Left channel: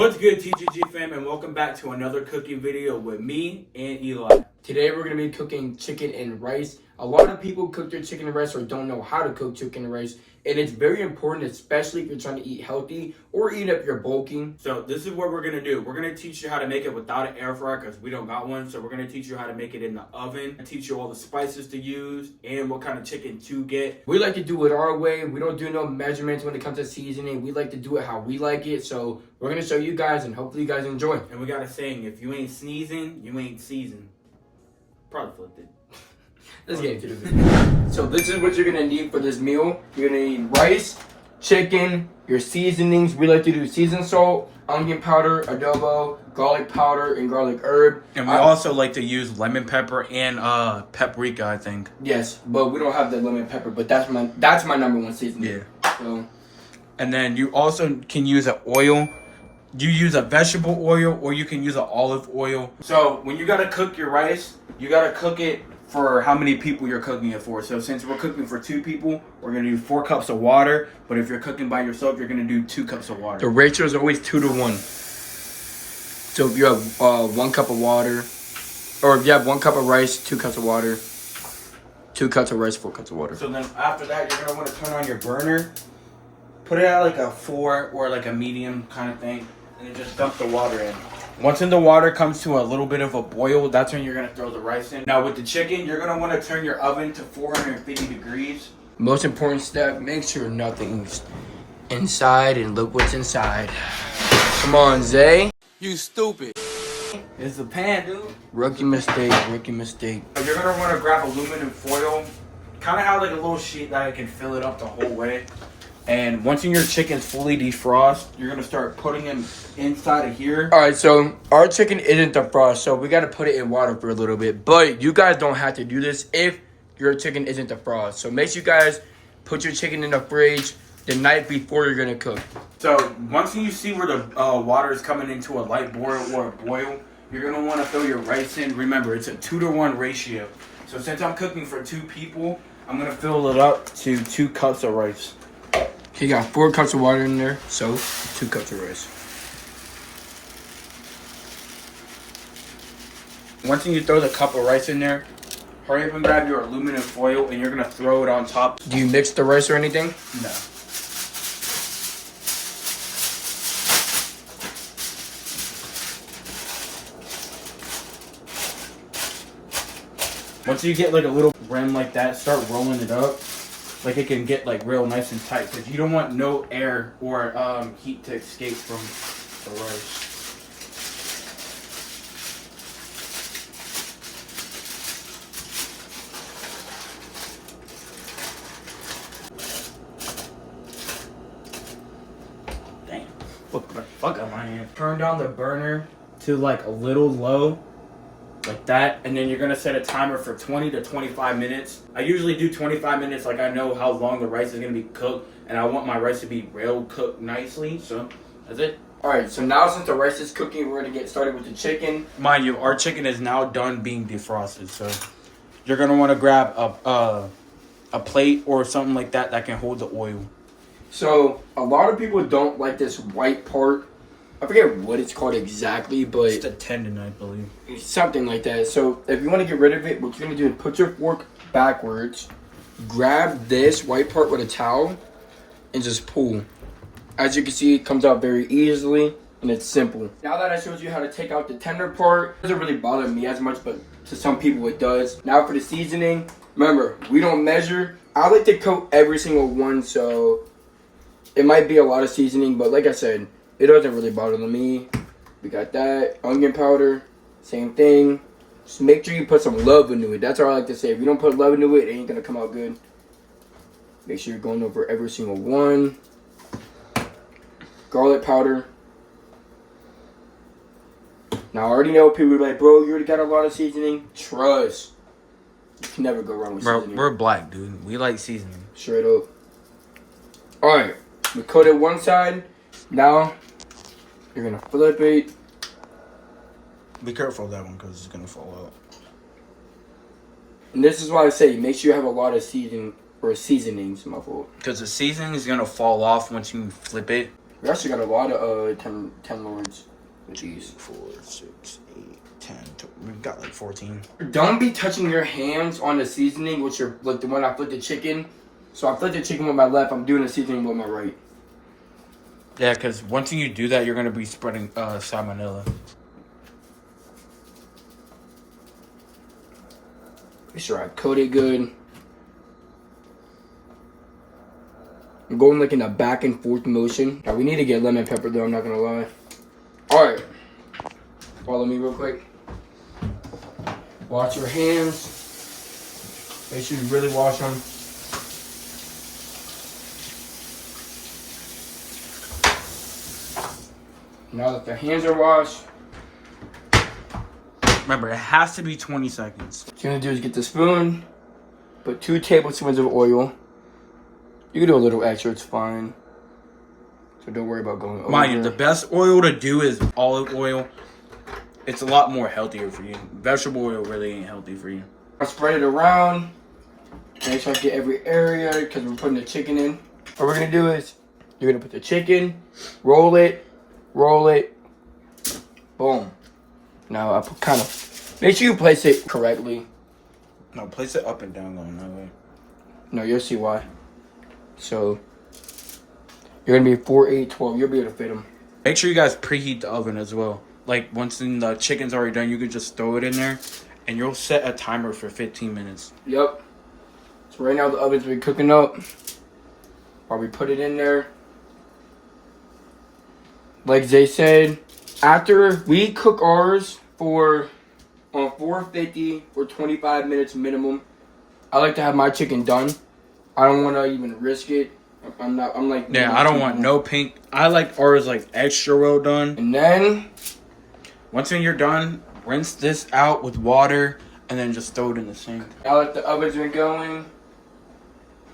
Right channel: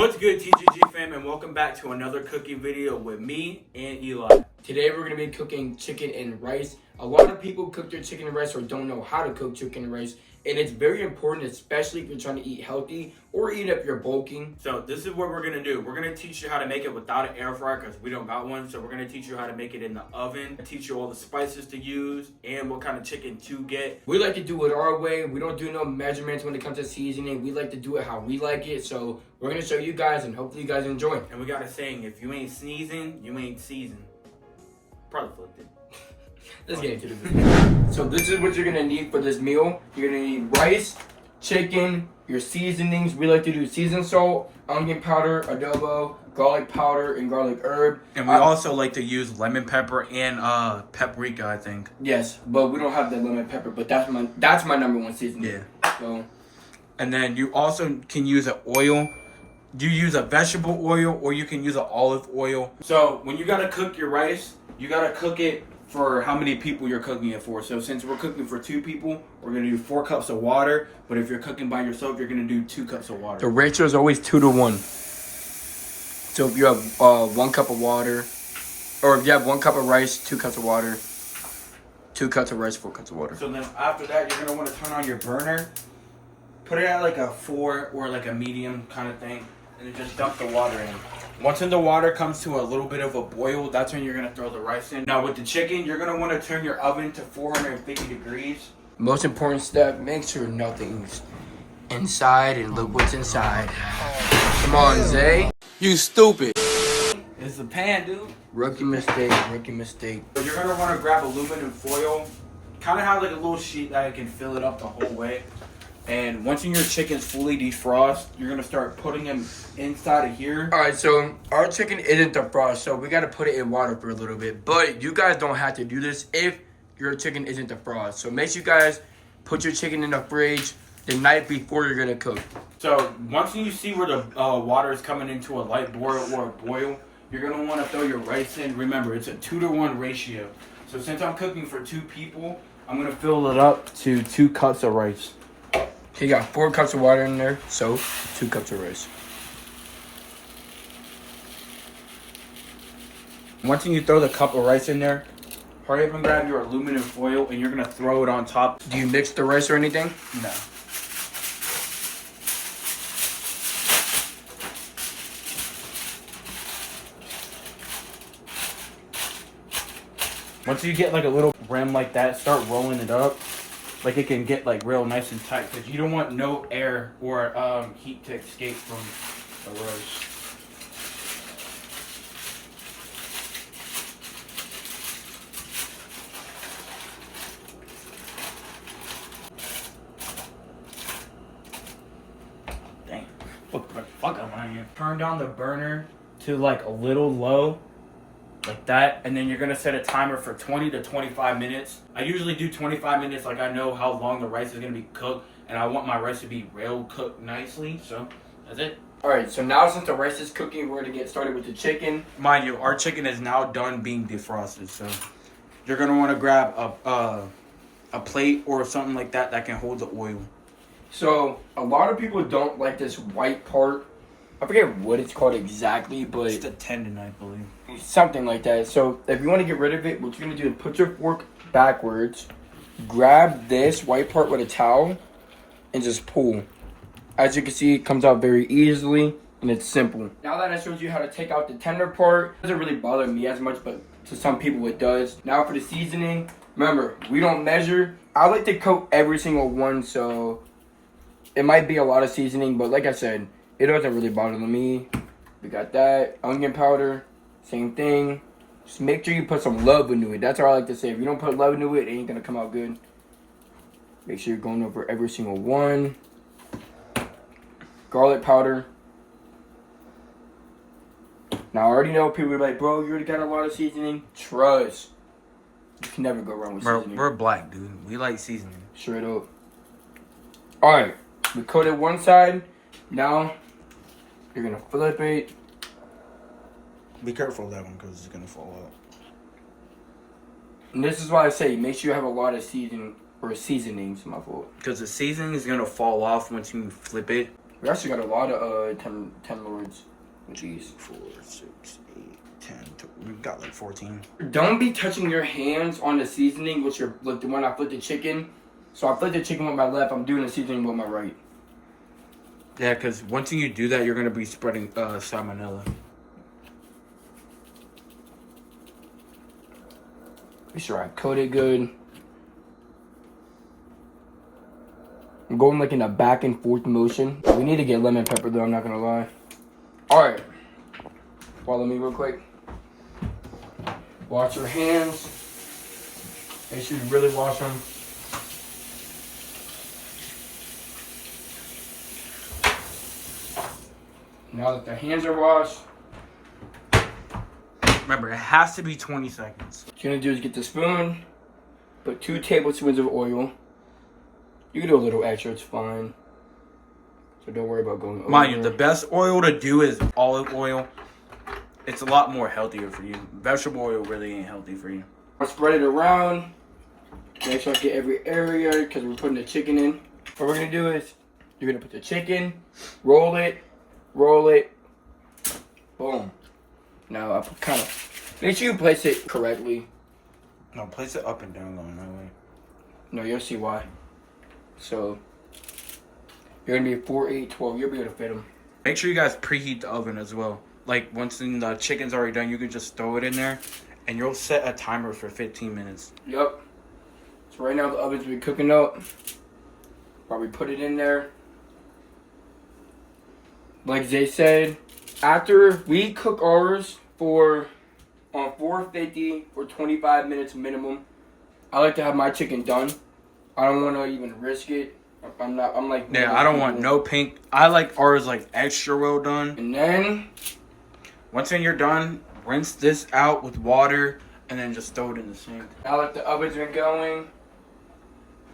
What's good, TGG fam, and welcome back to another cooking video with me and Eli. Today we're going to be cooking chicken and rice. A lot of people cook their chicken and rice or don't know how to cook chicken and rice. And it's very important, especially if you're trying to eat healthy or even if you're bulking. So this is what we're going to do. We're going to teach you how to make it without an air fryer because we don't got one. So we're going to teach you how to make it in the oven, teach you all the spices to use and what kind of chicken to get. We like to do it our way. We don't do no measurements when it comes to seasoning. We like to do it how we like it. So we're going to show you guys and hopefully you guys enjoy. And we got a saying, if you ain't sneezing, you ain't seasoned. Probably flipped it. Let's get into the video. So this is what you're gonna need for this meal. You're gonna need rice, chicken, your seasonings. We like to do seasoned salt, onion powder, adobo, garlic powder, and garlic herb. And we also like to use lemon pepper and paprika, I think. Yes, but we don't have the lemon pepper, but that's my number one seasoning. Yeah. So, and then you also can use an oil. You use a vegetable oil or you can use an olive oil. So when you gotta cook your rice, you gotta cook it for how many people you're cooking it for. So since we're cooking for 2 people, we're gonna do 4 cups of water. But if you're cooking by yourself, you're gonna do 2 cups of water. the ratio is always 2 to 1. So if you have 1 cup of water, or if you have 1 cup of rice, 2 cups of water, 2 cups of rice, 4 cups of water. So then after that, you're gonna wanna turn on your burner, put it at like a 4 or like a medium kind of thing, and then just dump the water in. Once the water comes to a little bit of a boil, that's when you're gonna throw the rice in. Now with the chicken, you're gonna wanna turn your oven to 450 degrees. Most important step, make sure nothing's inside and look what's inside. Come on, Zay. You stupid. It's the pan, dude. Rookie mistake, rookie mistake. So you're gonna wanna grab aluminum foil, kinda have like a little sheet that can fill it up the whole way. And once your chicken's fully defrost, you're gonna start putting them inside of here. All right, so our chicken isn't defrosted, so we got to put it in water for a little bit. But you guys don't have to do this if your chicken isn't defrosted. So make sure you guys put your chicken in the fridge the night before you're gonna cook. So once you see where the water is coming into a light boil or a boil, you're gonna wanna throw your rice in. Remember, it's a 2 to 1 ratio. So since I'm cooking for 2 people, I'm gonna fill it up to 2 cups of rice. You got 4 cups of water in there, so 2 cups of rice. Once you throw the cup of rice in there, hurry up and grab your aluminum foil and you're gonna throw it on top. Do you mix the rice or anything? No. Once you get like a little rim like that, start rolling it up. Like it can get like real nice and tight because you don't want no air or heat to escape from the rice. Dang. What the fuck am I in? Turn down the burner to like a little low. Like that, and then you're gonna set a timer for 20 to 25 minutes. I usually do 25 minutes, like I know how long the rice is gonna be cooked, and I want my rice to be real cooked nicely, so that's it. Alright, so now since the rice is cooking, we're gonna get started with the chicken. Mind you, our chicken is now done being defrosted, so you're gonna wanna grab a plate or something like that that can hold the oil. So, a lot of people don't like this white part. I forget what it's called exactly, but It's the tendon, I believe. something like that. So if you want to get rid of it, what you're going to do is put your fork backwards, grab this white part with a towel, and just pull. As you can see, it comes out very easily, and it's simple. Now that I showed you how to take out the tender part, it doesn't really bother me as much, but to some people it does. Now for the seasoning, remember, we don't measure. I like to coat every single one, so it might be a lot of seasoning, but like I said, it doesn't really bother me. We got that. Onion powder, same thing. Just make sure you put some love into it. That's what I like to say. If you don't put love into it, it ain't gonna come out good. Make sure you're going over every single one. Garlic powder. Now I already know people are like, bro, you already got a lot of seasoning. Trust. You can never go wrong with seasoning. We're black, dude. We like seasoning. Straight up. Alright. We coated one side. Now, you're going to flip it. Be careful of that one because it's going to fall out. And this is why I say, make sure you have a lot of seasonings, my fault. Because the seasoning is going to fall off once you flip it. We actually got a lot of 10 lords with these. 4, 6, 8, 10. We've got like 14. Don't be touching your hands on the seasoning, which are like the one I flipped the chicken. So I flipped the chicken with my left. I'm doing the seasoning with my right. Yeah, because once you do that, you're gonna be spreading salmonella. Make sure I coat it good. I'm going like in a back and forth motion. We need to get lemon pepper though, I'm not gonna lie. Alright. Follow me real quick. Wash your hands. Make sure you really wash them. Now that the hands are washed, Remember, it has to be 20 seconds. what you're gonna do is get the spoon, put 2 tablespoons of oil. You can do a little extra, it's fine. So don't worry about going over. Mind you, the best oil to do is olive oil. It's a lot more healthier for you. Vegetable oil really ain't healthy for you. I spread it around. Make sure I get every area because we're putting the chicken in. What we're gonna do is you're gonna put the chicken, roll it, boom. Now I kind of make sure you place it correctly. No, place it up and down going that way. No, you'll see why. So you're gonna be 4, 8, 12. You'll be able to fit them. Make sure you guys preheat the oven as well. Like once the chicken's already done, you can just throw it in there, and you'll set a timer for 15 minutes. Yep. So right now the oven's been cooking up. While we put it in there. Like Zay said, after we cook ours on 450 for 25 minutes minimum, I like to have my chicken done. I don't want to even risk it. Yeah, I don't want no pink. I like ours like extra well done. And then Once you're done, rinse this out with water and then just throw it in the sink. now that the oven's been going,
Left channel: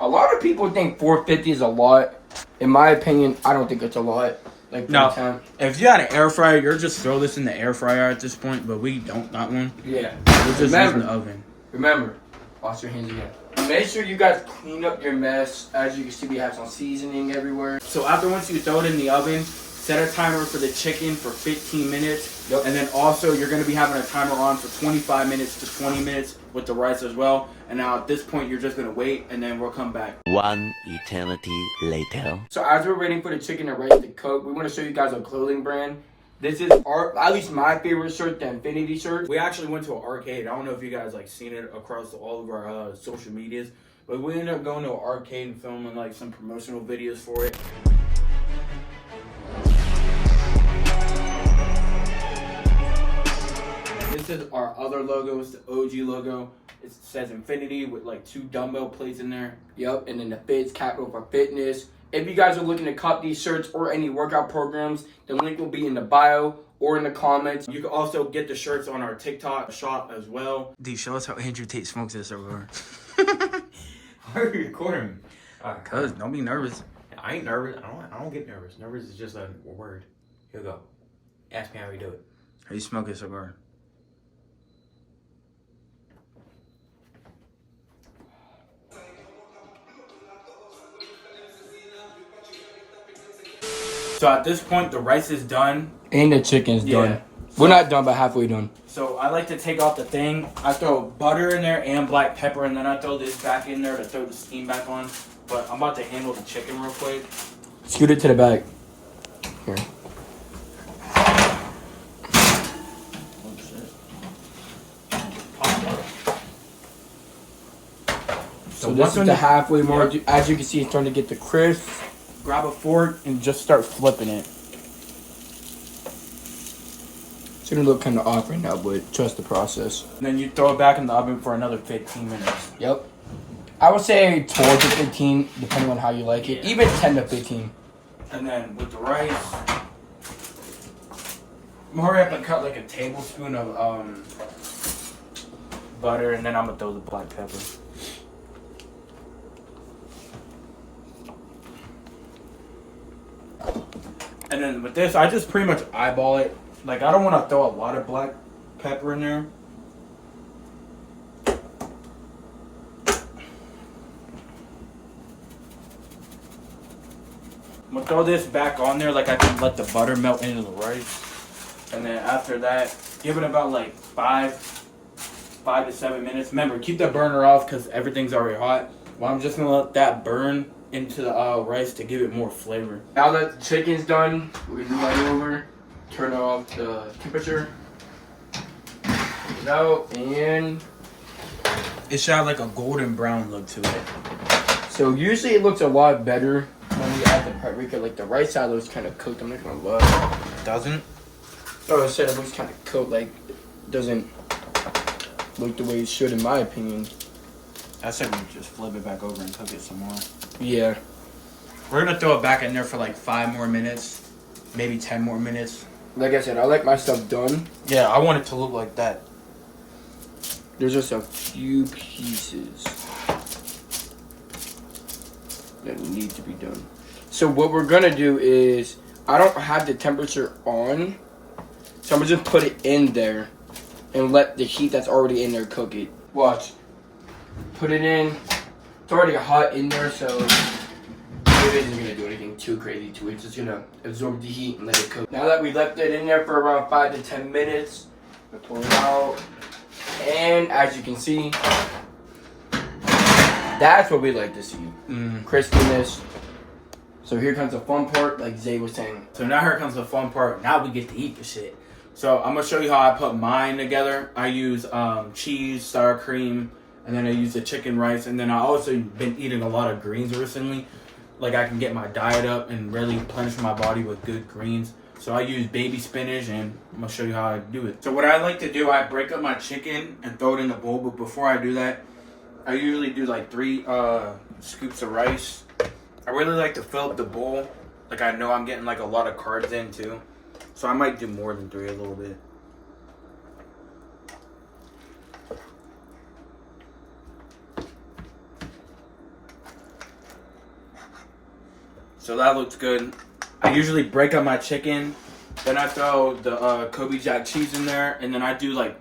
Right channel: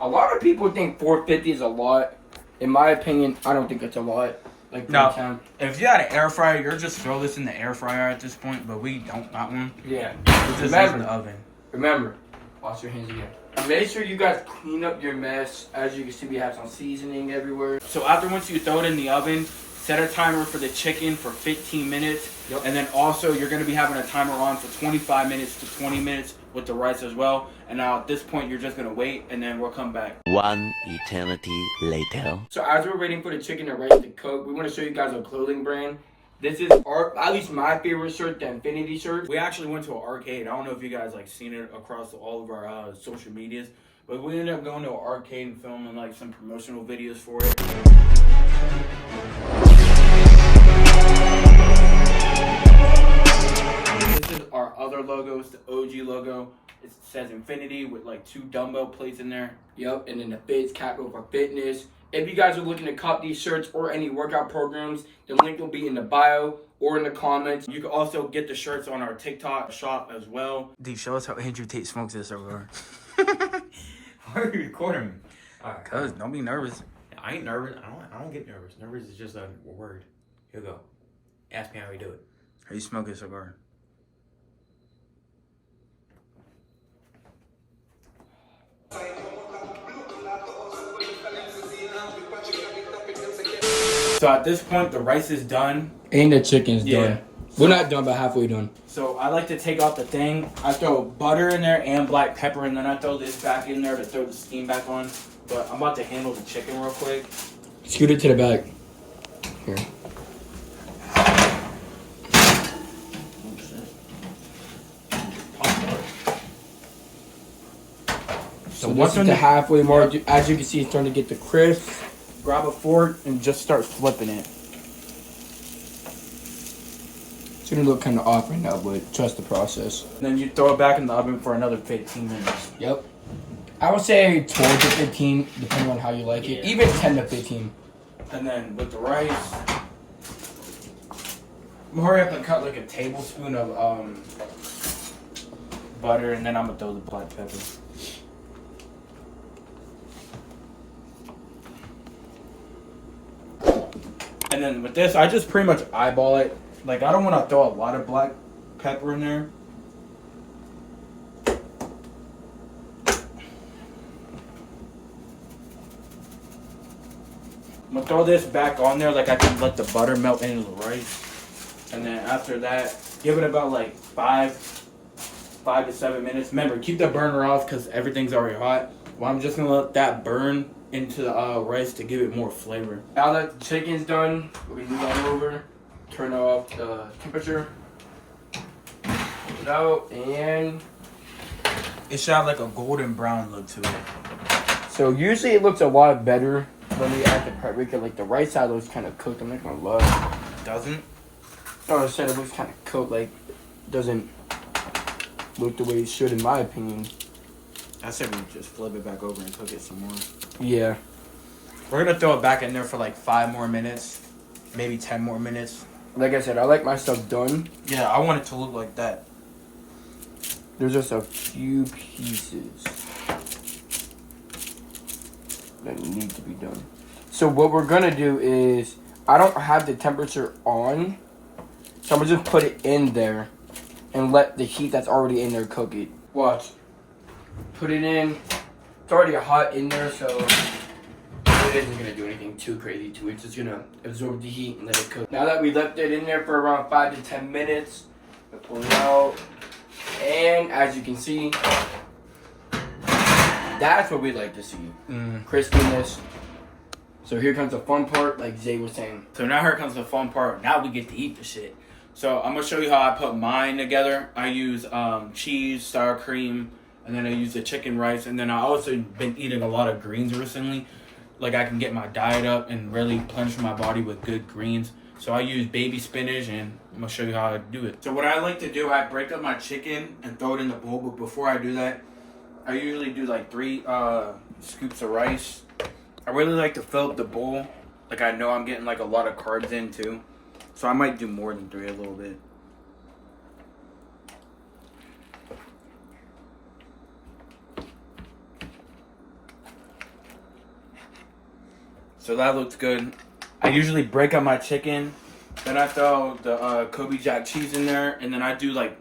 a lot of people think 450 is a lot. In my opinion, I don't think it's a lot. Like No, if you had an air fryer, you're just throw this in the air fryer at this point. But we don't got one. Yeah. We're just using the oven. Remember, wash your hands again. And make sure you guys clean up your mess. As you can see, we have some seasoning everywhere. So once you throw it in the oven, set a timer for the chicken for 15 minutes. Yep. And then also you're going to be having a timer on for 25 minutes to 20 minutes with the rice as well. And now at this point, you're just going to wait and then we'll come back. One eternity later. So as we're waiting for the chicken and rice to cook, we want to show you guys a clothing brand. This is at least my favorite shirt, the Infinity shirt. We actually went to an arcade. I don't know if you guys like seen it across all of our social medias, but we ended up going to an arcade and filming like some promotional videos for it. This is our other logo. It's the OG logo. It says Infinity with like 2 dumbbell plates in there. Yep, and then the FITS capital for fitness. If you guys are looking to cop these shirts or any workout programs, the link will be in the bio or in the comments. You can also get the shirts on our TikTok shop as well. D, show us how Andrew Tate smokes this over. Why are you recording me? Alright. Cuz, don't be nervous. I ain't nervous. I don't get nervous. Nervous is just a word. Here we go. Ask me how we do it. How you smoke a cigar? So at this point, the rice is done. And the chicken's Yeah. done. We're not done, but halfway done. So I like to take out the thing. I throw butter in there and black pepper, and then I throw this back in there to throw the steam back on. But I'm about to handle the chicken real quick. Scoot it to the back. Here. So once it's the halfway mark, as you can see, it's starting to get the crisp. Grab a fork and just start flipping it. It's gonna look kind of off right now, but trust the process. And then you throw it back in the oven for another 15 minutes. Yep. I would say 12 to 15, depending on how you like it. Yeah. Even 10 to 15. And then with the rice, I'm hurry up and cut like a tablespoon of butter, and then I'm gonna throw the black pepper. And then with this, I just pretty much eyeball it. Like, I don't want to throw a lot of black pepper in there. I'm gonna throw this back on there like I can let the butter melt into the rice. And then after that, give it about like 5 to 7 minutes. Remember, keep the burner off because everything's already hot. Well, I'm just gonna let that burn into the rice to give it more flavor. Now that the chicken's done, we're gonna move that over, turn off the temperature, take it out, and It should have like a golden brown look to it. so usually it looks a lot better when we add the paprika. Like the rice side looks kind of cooked. I'm not gonna lie. Doesn't? No, I said it looks kind of cooked. Like it doesn't look the way it should, in my opinion. I said we just flip it back over and cook it some more. Yeah. We're gonna throw it back in there for like 5 more minutes, maybe 10 more minutes. Like I said, I like my stuff done. Yeah, I want it to look like that. There's just a few pieces that need to be done. So what we're gonna do is, I don't have the temperature on, so I'm gonna just put it in there and let the heat that's already in there cook it. Watch. Put it in. It's already hot in there, so it isn't gonna do anything too crazy to it. It's just gonna absorb the heat and let it cook. Now that we left it in there for around 5 to 10 minutes, I'm gonna pull it out. And as you can see, that's what we like to see. Crispiness. So here comes the fun part, like Zay was saying. So now here comes the fun part. Now we get to eat the shit. So I'm gonna show you how I put mine together. I use cheese, sour cream, and then I use the chicken rice. And then I also been eating a lot of greens recently. Like I can get my diet up and really replenish my body with good greens. So I use baby spinach, and I'm gonna show you how I do it. So what I like to do, I break up my chicken and throw it in the bowl. But before I do that, I usually do like 3 scoops of rice. I really like to fill up the bowl. Like I know I'm getting like a lot of carbs in too. So I might do more than 3 a little bit. So that looks good. I usually break up my chicken, then I throw the Kobe Jack cheese in there, and then I do like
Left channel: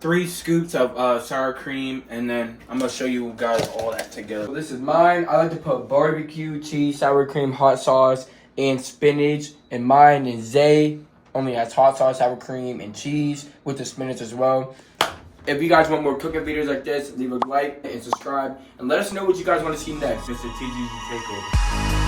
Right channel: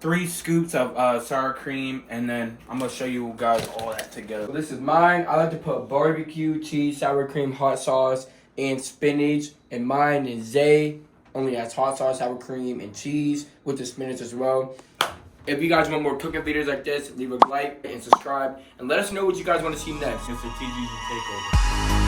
3 scoops of sour cream, and then I'm gonna show you guys all that together. So this is mine. I like to put barbecue, cheese, sour cream, hot sauce, and spinach. And mine is Zay. Only has hot sauce, sour cream, and cheese with the spinach as well. If you guys want more cooking videos like this, leave a like and subscribe. And let us know what you guys want to see next. Mr. TGG Takeover.